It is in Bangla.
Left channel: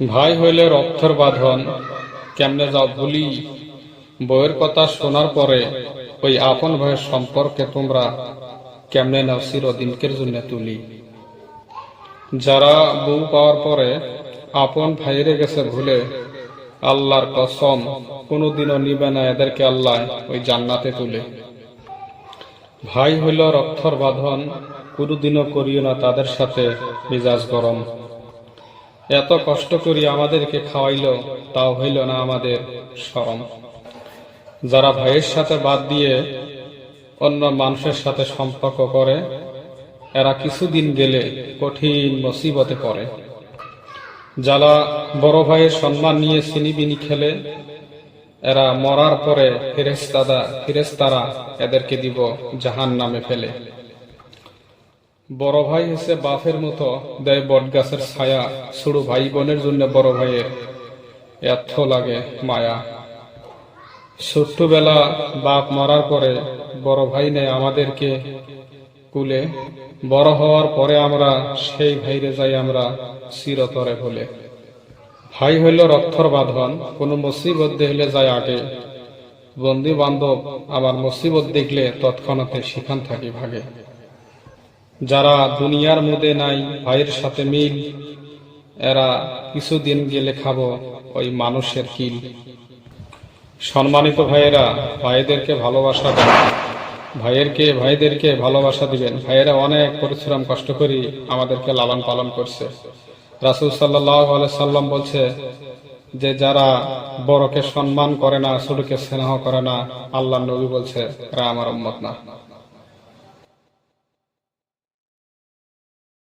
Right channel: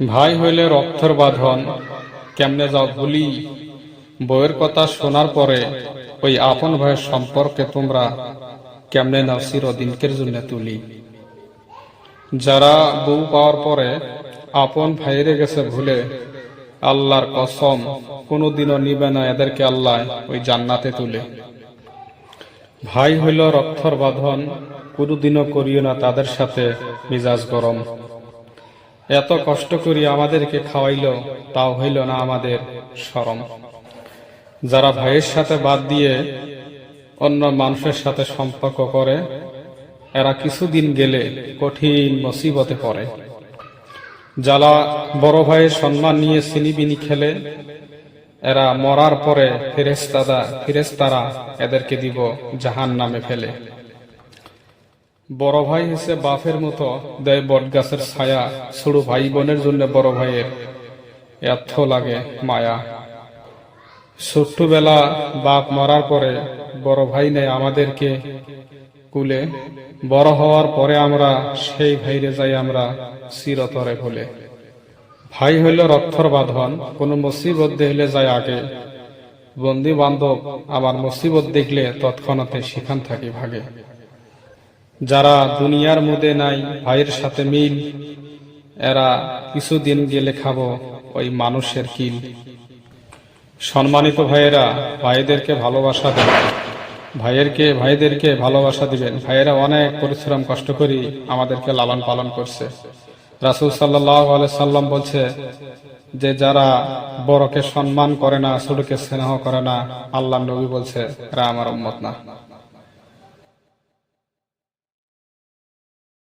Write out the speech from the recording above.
ভাই হইলে রক্তের বাঁধন, কেমনে যাও ভুলি। বউয়ের কথা শোনার পরে ওই আপন ভাইয়ের সম্পর্কে তোমরা কেমনে নাও চিরদিনকের জন্য তুলি। যারা বউ পাওয়ার পরে আপন ভাইরে গেছে ভুলে, আল্লাহর কসম কোনোদিনও নিবে না এদেরকে আল্লাহ ওই জান্নাতে তুলে। ভাই হইল রক্তর বাঁধন, কোনোদিনও করিও না তাদের সাথে মিজাজ গরম। এত কষ্ট করি আমাদেরকে খাওয়াইল, তাও হইল না আমাদের শরম। যারা ভাইয়ের সাথে বাদ দিয়ে অন্য মানুষের সাথে সম্পর্ক করে, এরা কিছুদিন গেলে কঠিন মুসিবতে পড়ে। যারা বড় ভাইয়ের সম্মান নিয়ে সিনিবিনি খেলে, এরা মরার পরে ফেরেশতারা এদেরকে দিব জাহান্নামে ফেলে। বড় ভাই হচ্ছে বাপের মতো, দেয় বটগাছের ছায়া। ছোট ভাই বোনের জন্য বড় ভাইয়ের এত লাগে মায়া। ছোট্টবেলা বাপ মরার পরে বড় ভাই নেয় আমাদেরকে কুলে। বড় হওয়ার পরে আমরা সেই ভাইরে যাই আমরা চিরতরে ভুলে। ভাই হইল রক্তর বাঁধন, কোন মুসিবত দেখলে যায় আগে। বন্ধু বান্ধব আমার মুসিবত দেখলে তৎক্ষণাতে সেখান থাকি ভাগে। যারা দুনিয়ার মধ্যে নাই ভাইয়ের সাথে মিল, এরা কিছুদিন গেলে খাবো ওই মানুষের কিল। সম্মানিত ভাইয়েরা, ভাইদেরকে ভালোবাসা দেবেন, ভাইদেরকে ভালোবাসা দিবেন। ভাইয়েরা অনেক পরিশ্রম কষ্ট করি আমাদেরকে লালন পালন করছে। রাসূল সাল্লাল্লাহু আলাইহি সাল্লাম বলছে যে যারা বড়কে সম্মান করে না, ছোটকে স্নেহ করে না, আল্লাহর নবী বলছে এরা আমার উম্মত না।